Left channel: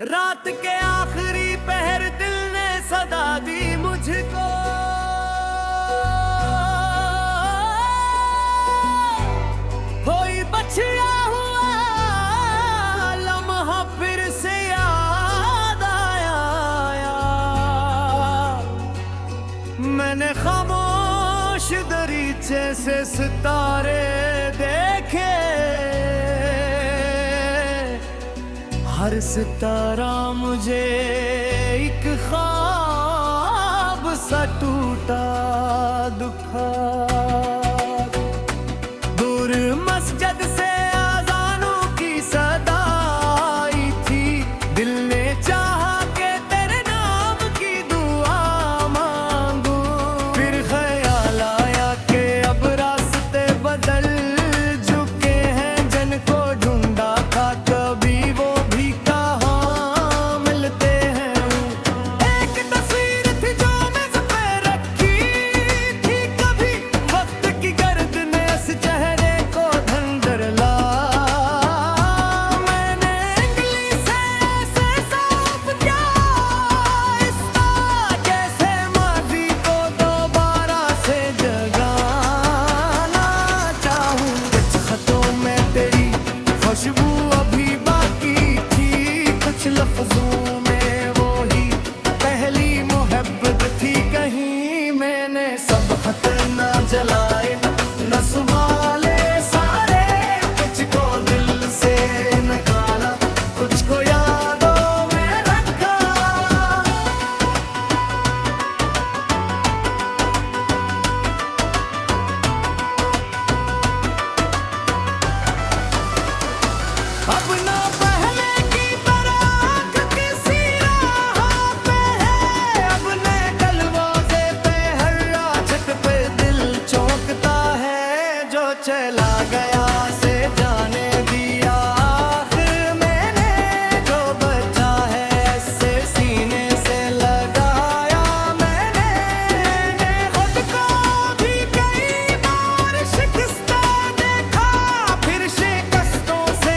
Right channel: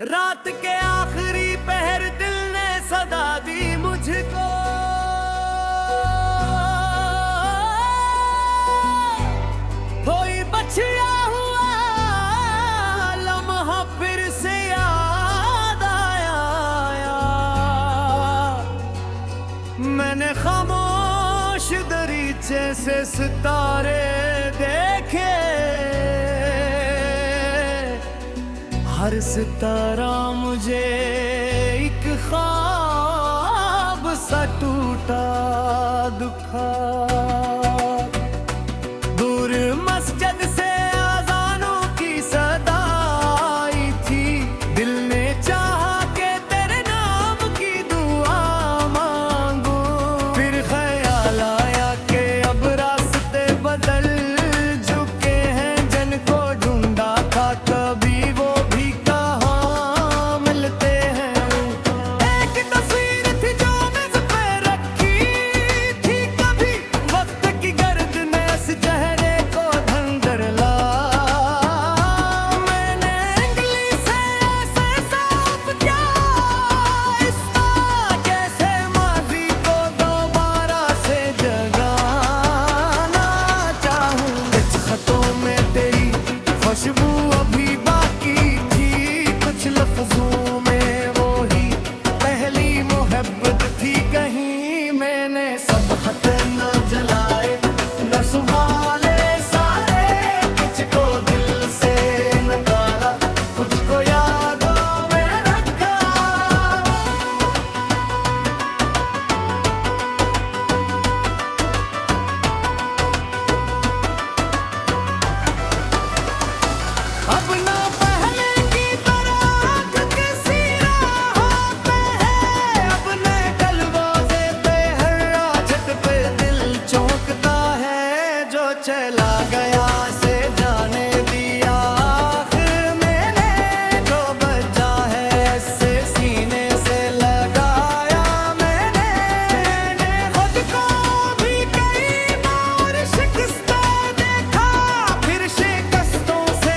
रात के आखिरी पहर दिल ने सदा दी मुझको। कोई बचिया हुआ लम्हा फिर से याद आया। मैंने खामोश दरीचे से सितारे देखे, हर सितारा मुझे एक ख्वाब सा टूटा दुखा। दूर मस्जिद से अज़ानों की सदा आई थी, दिल ने चाहा कि तेरे नाम की दुआ मांगू। फिर ख्याल आया कि अब रास्ते बदल चुके हैं, जिनको ढूंढा था कभी वो खुशबू अभी बाकी थी, कुछ लफ्जों में वो ही पहली मोहब्बत थी। कहीं मैंने सब खत न जलाए न संभाले सारे, कुछ को दिल से निकाला, कुछ को यादों में रखा। अब ना पहले की तरह आँख किसी राह पे है, अब नए दरवाज़े पे हर रात पे दिल चौंकता है। जो चला गया से जाने दिया आखिर मैंने, जो बचा है ऐसे सीने से लगाया मैंने। खुद को भी कई बार शिकस्ता देखा, फिर शिकस्तों से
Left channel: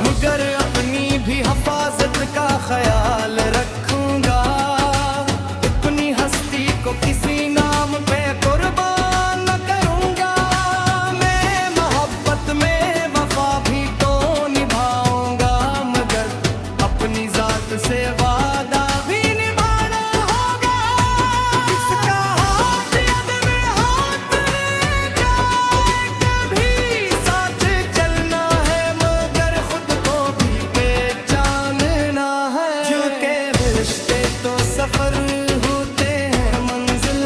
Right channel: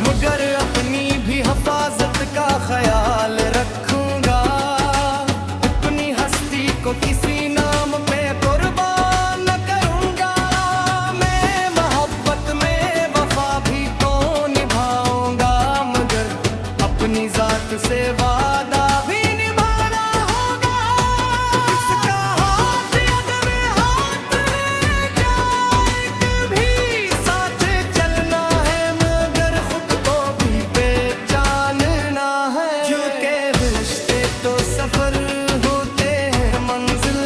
मगर अपनी भी हिफाजत का ख्याल रखूंगा। अपनी हस्ती को किसी नाम पे कुर्बान न करूंगा। मैं मोहब्बत में वफा भी तो निभाऊंगा, मगर अपनी जात से वादा भी निभाना होगा। किसका हाथ यद में हाथ ले जाए, कभी साथ चलना है मगर खुद को भी पहचानना है। क्योंकि रिश्ते तो सफर होते हैं, मंजिल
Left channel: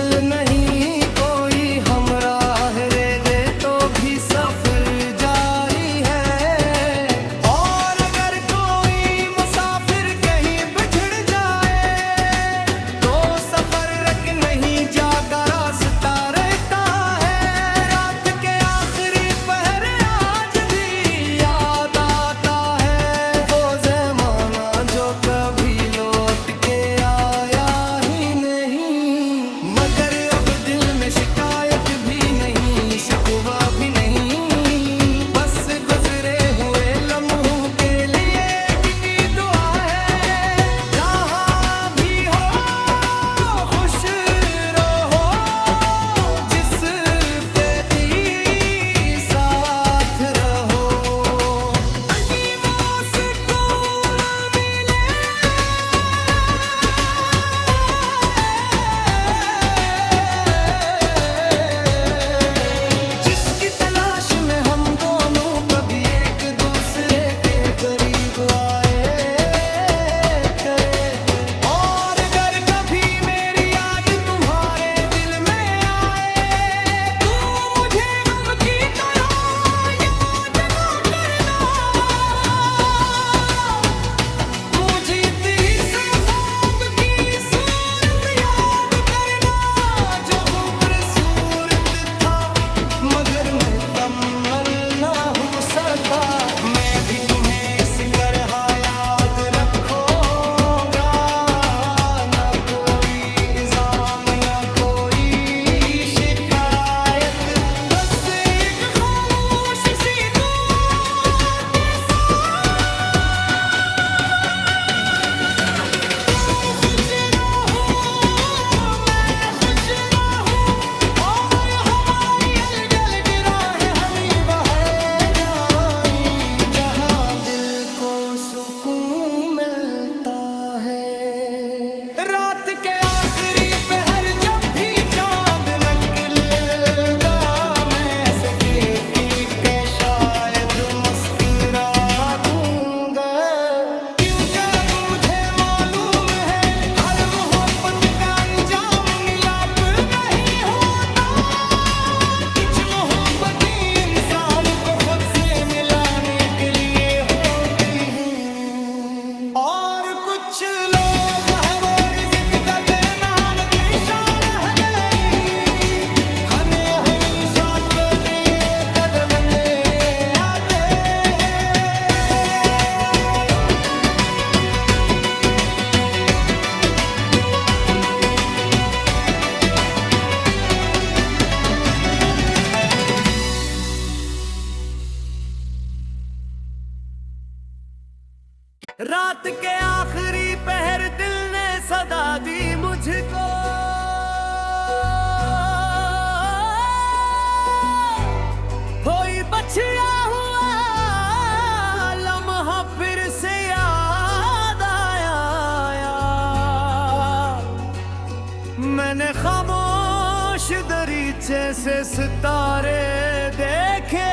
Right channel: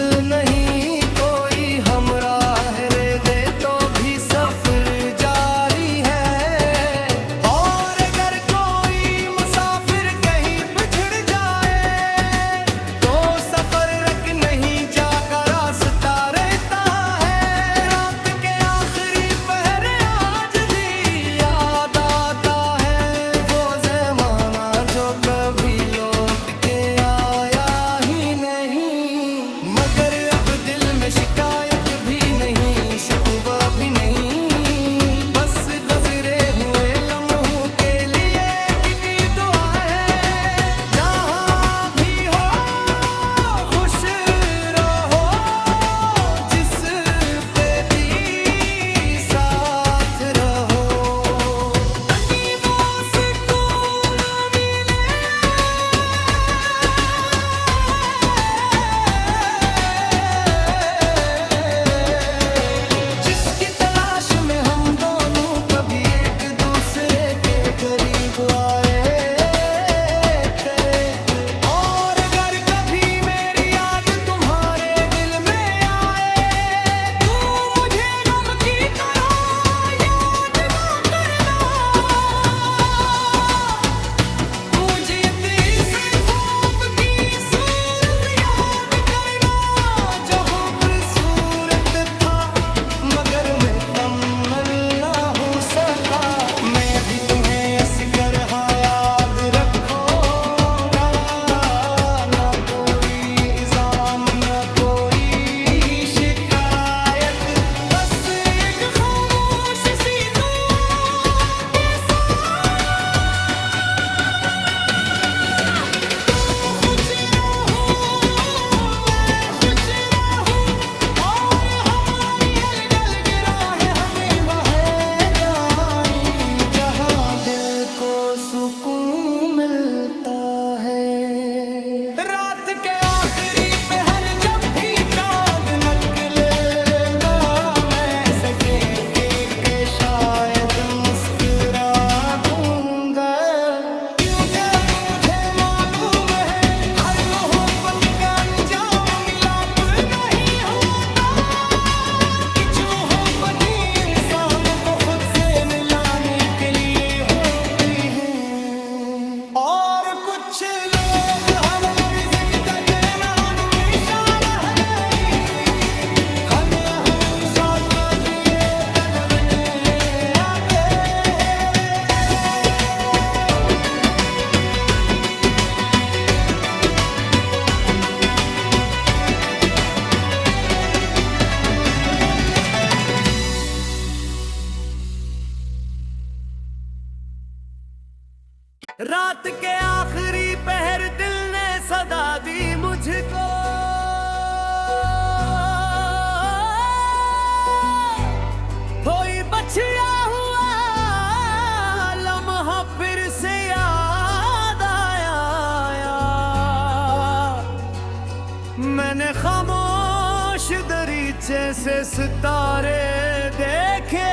रात के आखिरी पहर दिल ने सदा दी मुझको। कोई बचिया हुआ लम्हा फिर से याद आया। मैंने खामोश दरीचे से सितारे देखे,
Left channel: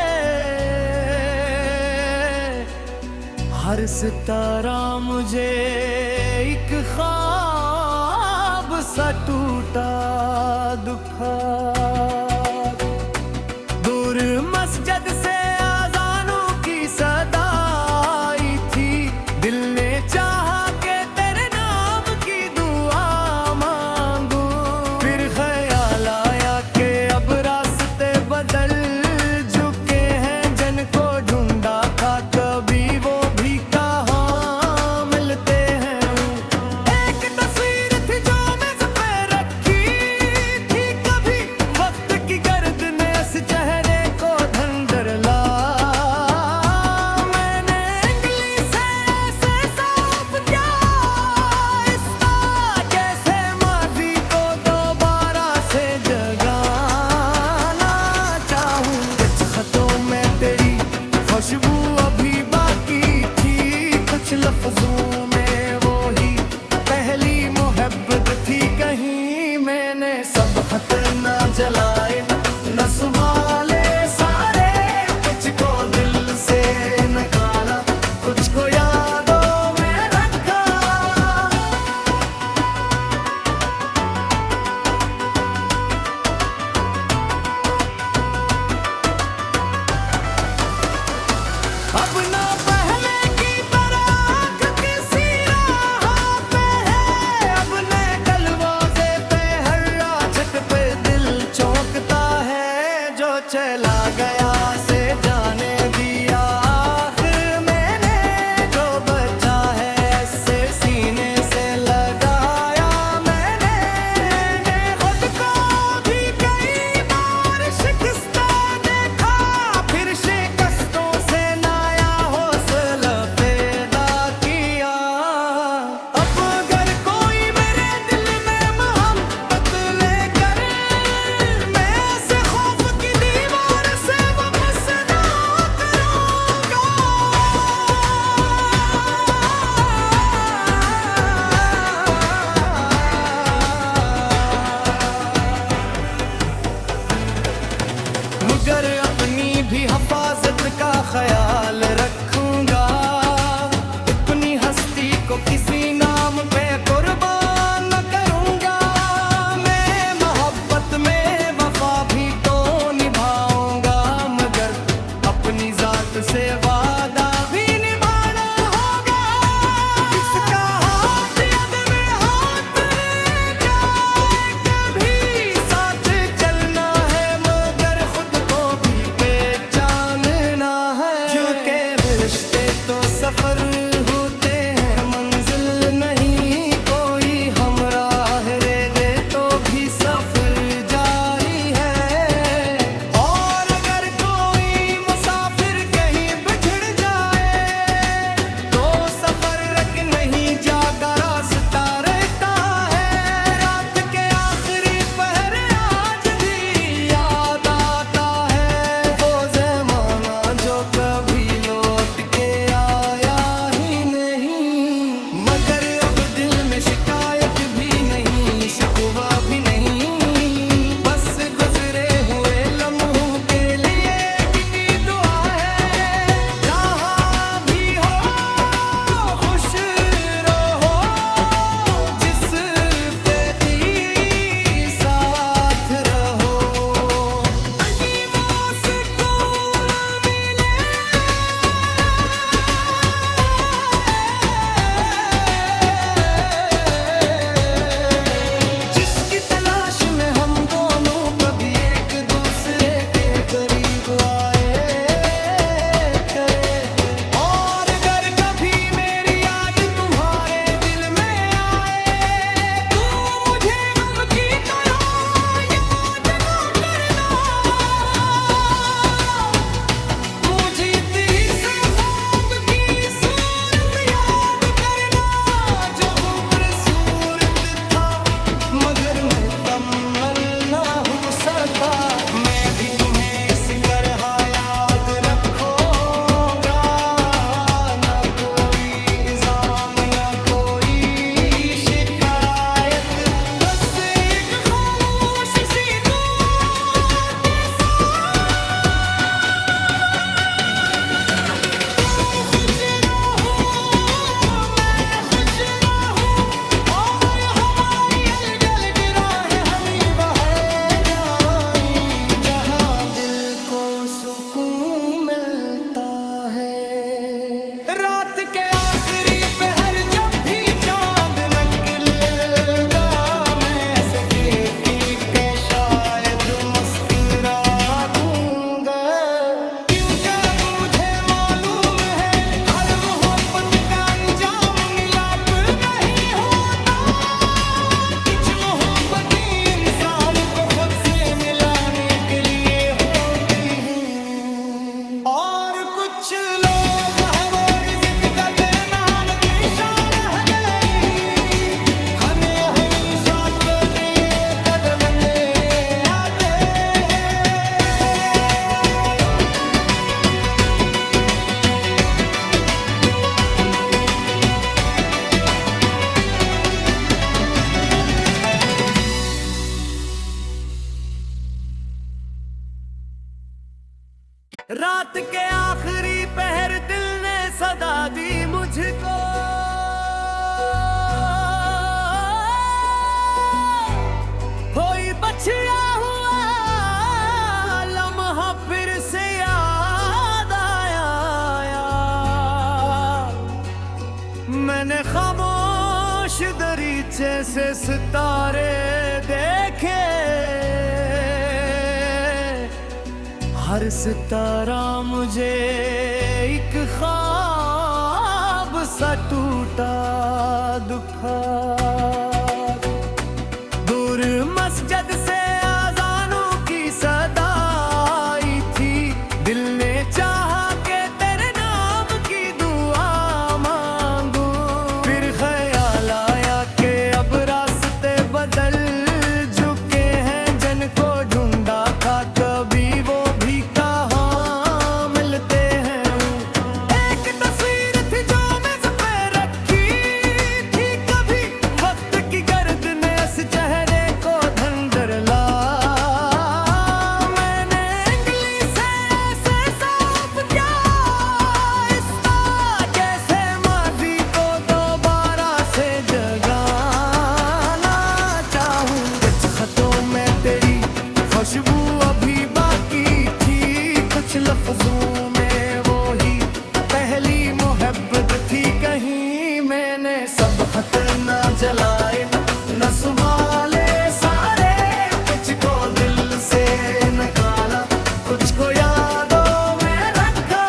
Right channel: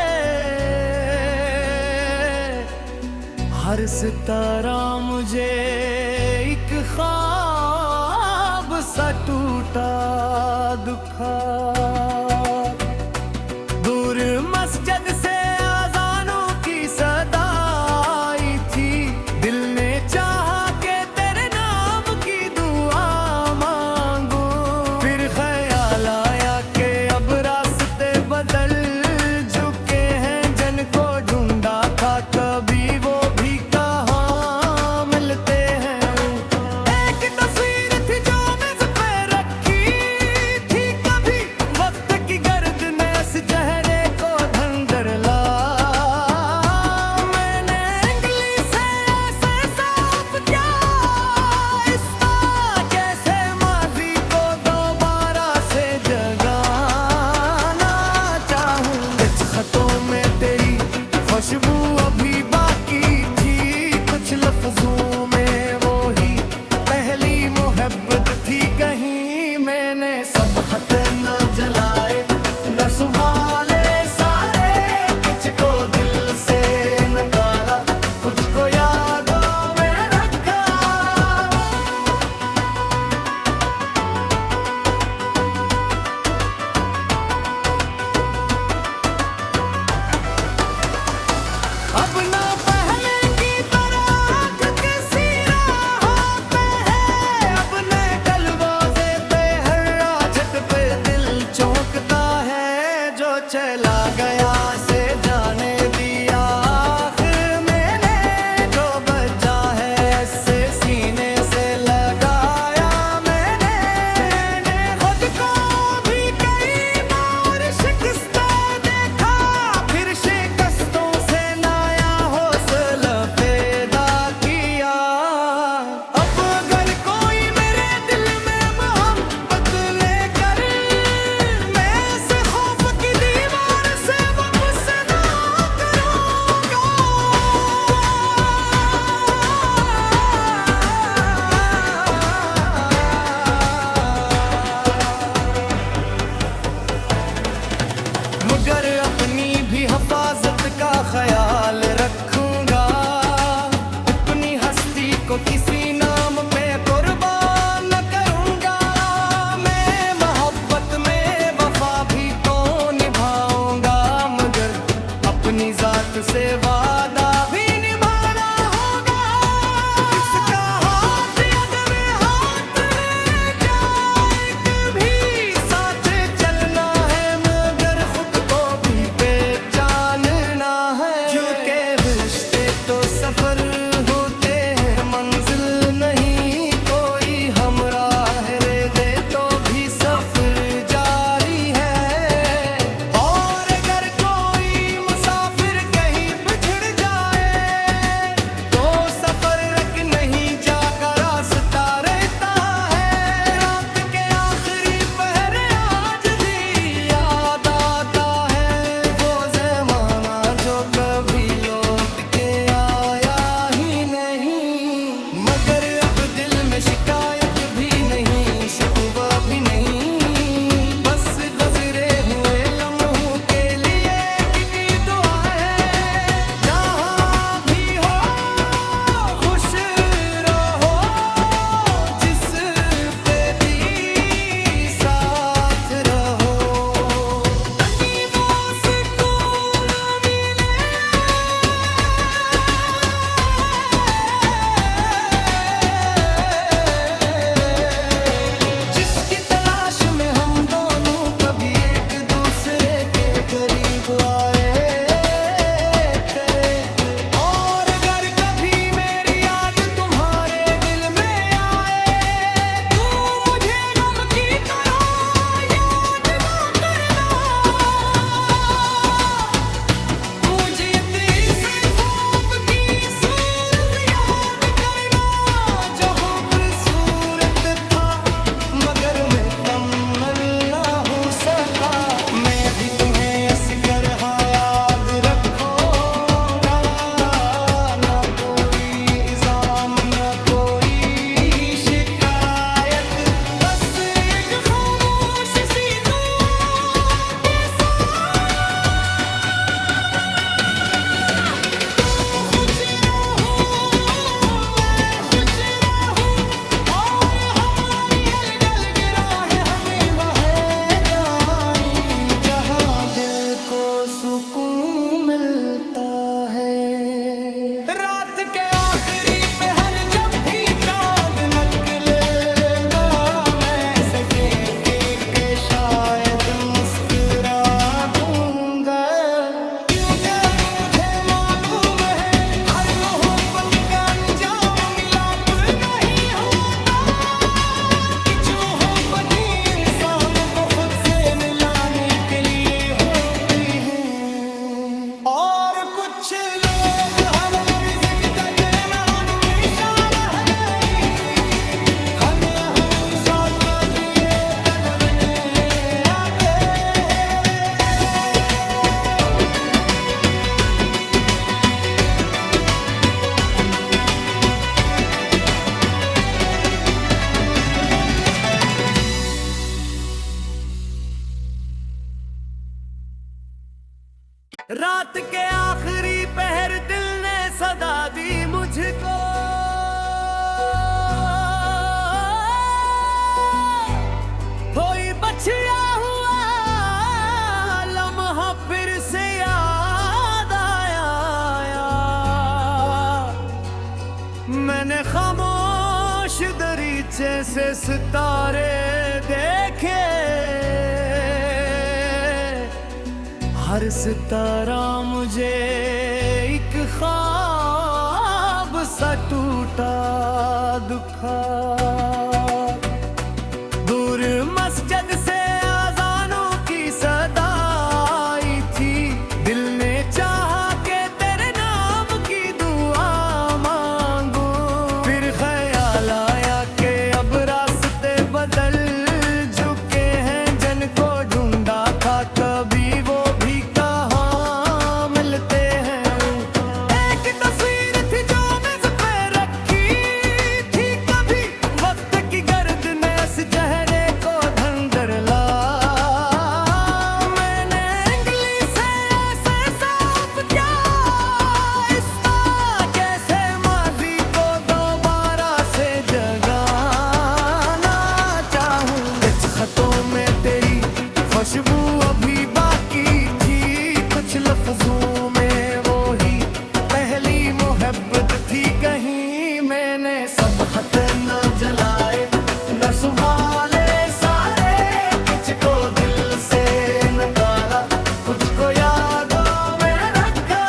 हर सितारा मुझे एक ख्वाब सा टूटा दुखा। दूर मस्जिद से अज़ानों की सदा आई थी, दिल ने चाहा कि तेरे नाम की दुआ मांगूं। फिर ख्याल आया कि अब रास्ते बदल चुके हैं, जिनको ढूंढा था कभी वो भी कहाँ मिलते हैं। एक तस्वीर थी जो मेज़ पे रखी थी, कभी वक्त की गर्द ने इस चेहरे को धंधर ला। मैंने उंगली से ऐसे साफ किया आहिस्ता, कैसे माजी को दोबारा से जगाना चाहूं। कुछ खतों में तेरी खुशबू अभी बाकी थी, कुछ लफ्जों में वो ही पहली मोहब्बत थी। कहीं मैंने सब खत न जलाए न सुहाले सारे, कुछ को दिल से निकाला, कुछ को यादों में रखा। अब ना पहले की तरह आँख किसी राह पे है, अब नए दरवाज़े पे हर राहत पे दिल चौंकता है। जो चला गया से जाने दिया आखिर मैंने, जो बचा है ऐसे सीने से लगाया मैंने। खुद को भी कई बार शिकस्ता देखा, फिर शिकस्तों से नया हौसला पैदा किया। अब अगर कोई मेरे दिल में मोहब्बत लेकर, मैं ऐसे खौफ की दीवार से वापस ना करूंगा। मगर अपनी भी हिफाजत का ख्याल रखूंगा, अपनी हस्ती को किसी नाम पे कुर्बान न करूंगा। मैं मोहब्बत में वफा भी तो निभाऊंगा, मगर अपनी जात से वादा भी निभाना होगा। किसका हाथ यद में हाथ ले जाए, कभी साथ चलना है मगर खुद को भी पहचानना है। क्योंकि रिश्ते तो मुकम्मल ना हो सका। मैं भी तुम्हें इस तरह याद रखूंगा, ना कोई इल्जाम ना कोई शिकायत, बस एक खामोश सी दुआ के साथ। तुम खुश रहो मैं खुश रहूं, और हमारी अलग अलग राहें हमें वहीं जाएं जहां दिल को सुकून मिलता है। रात के आखिरी पहर जब भी चांद निकलेगा, मैं सजे के शायद मुस्कुरा दूंगा, क्योंकि अब मुझे मालूम है हर मोहब्बत का अंजाम मिलाप नहीं होता। कुछ मोहब्बतें इंसान को खुद से मिलाने के लिए होती हैं, और कुछ लोग हमारी जिंदगी में हमेशा रहने हमें हमेशा के दिए कदमने आते हैं। रात के आखिरी पहर दिल ने सदा दी मुझको, कोई बछड़ा हुआ लम्हा फिर से याद आया। मैंने खामोश दरीचे से सितारे देखे, हर सितारा मुझे एक ख्वाब सा टूटा दुखा। दूर मस्जिद से अज़ानों की सदा आई थी, दिल ने चाहा कि तेरे नाम की दुआ मांगू। फिर ख्याल आया कि अब रास्ते बदल चुके हैं, जिनको ढूंढा था कभी वो भी कहाँ मिलते हैं। एक तस्वीर थी जो मेज़ पे रखी थी कभी, वक्त की गर्द ने इस चेहरे को धंधर ला। मैंने उंगली से ऐसे साफ किया इसका, जैसे माजी को दोबारा से जगाना चाहूं। कुछ खतों में तेरी खुशबू अभी बाकी थी, कुछ लफ्जों में वो ही पहली मोहब्बत थी। कहीं मैंने सब खत न जलाए न संभाले सारे, कुछ को दिल से निकाला, कुछ को यादों में रखा।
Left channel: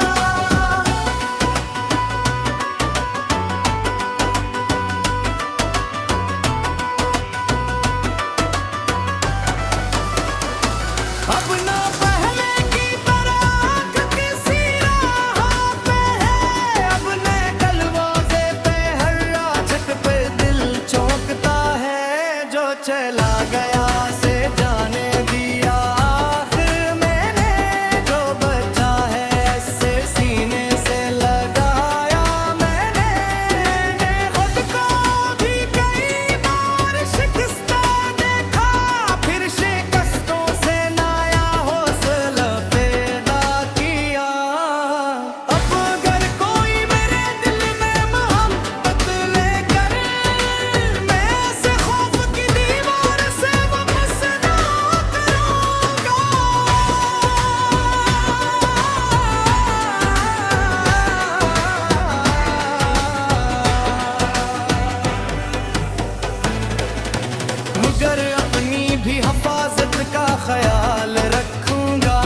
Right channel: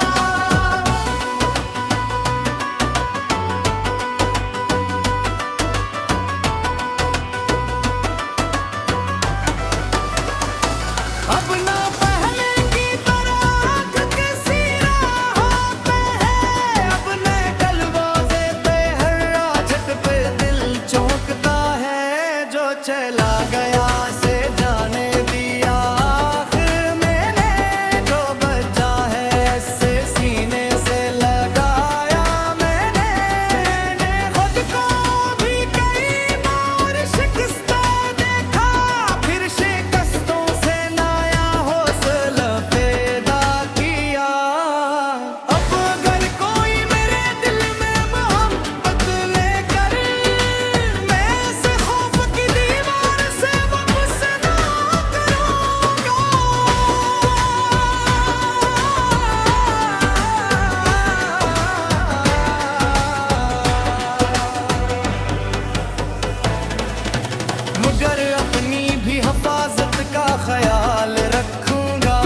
अब ना पहले की तरह आँख किसी राह पे है, अब नए दरवाजे पे हर राहत पे दिल चौंकता है। जो चला गया से जाने दिया आखिर मैंने, जो बचा है ऐसे सीने से लगाया मैंने। खुद को भी कई बार शिकस्त देखा, फिर शिकस्तों से नया हौसला पैदा किया। अब अगर कोई मेरे दिल में मोहब्बत लेकर मैं ऐसे खौफ की दीवार से वापस ना करूंगा। मगर अपनी भी हिफाजत का ख्याल रखूंगा,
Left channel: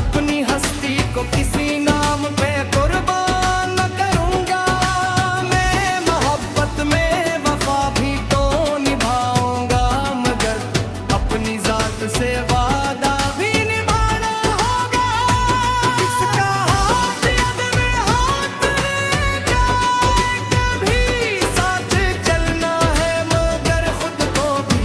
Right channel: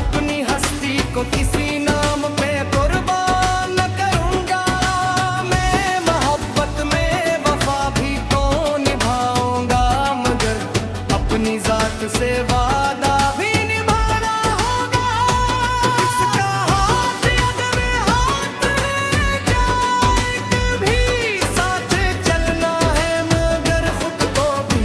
अपनी हस्ती को किसी नाम पे कुर्बान न करूंगा। मैं मोहब्बत में वफा भी तो निभाऊंगा, मगर अपनी जात से वादा भी निभाना होगा। किसका हाथ यद में हाथ ले जाए, कभी साथ चलना है मगर खुद को भी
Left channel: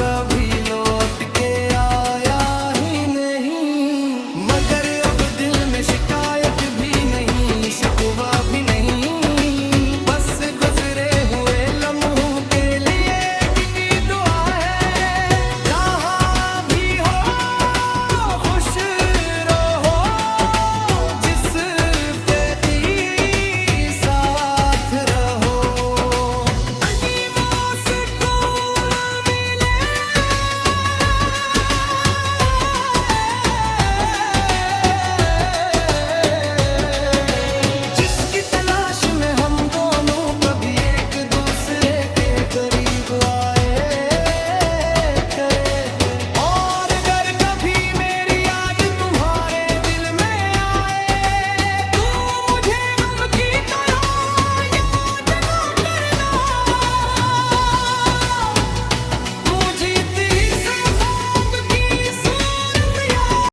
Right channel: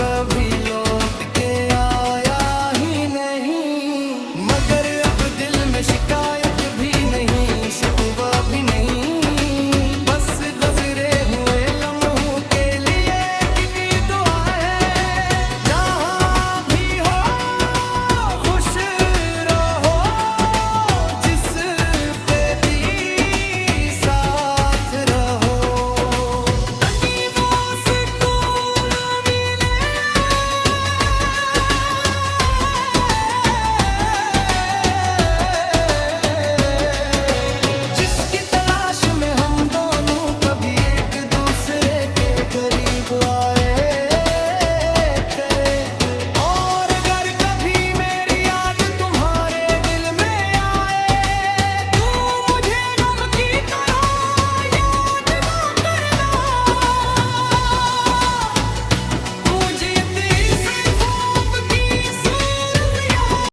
कभी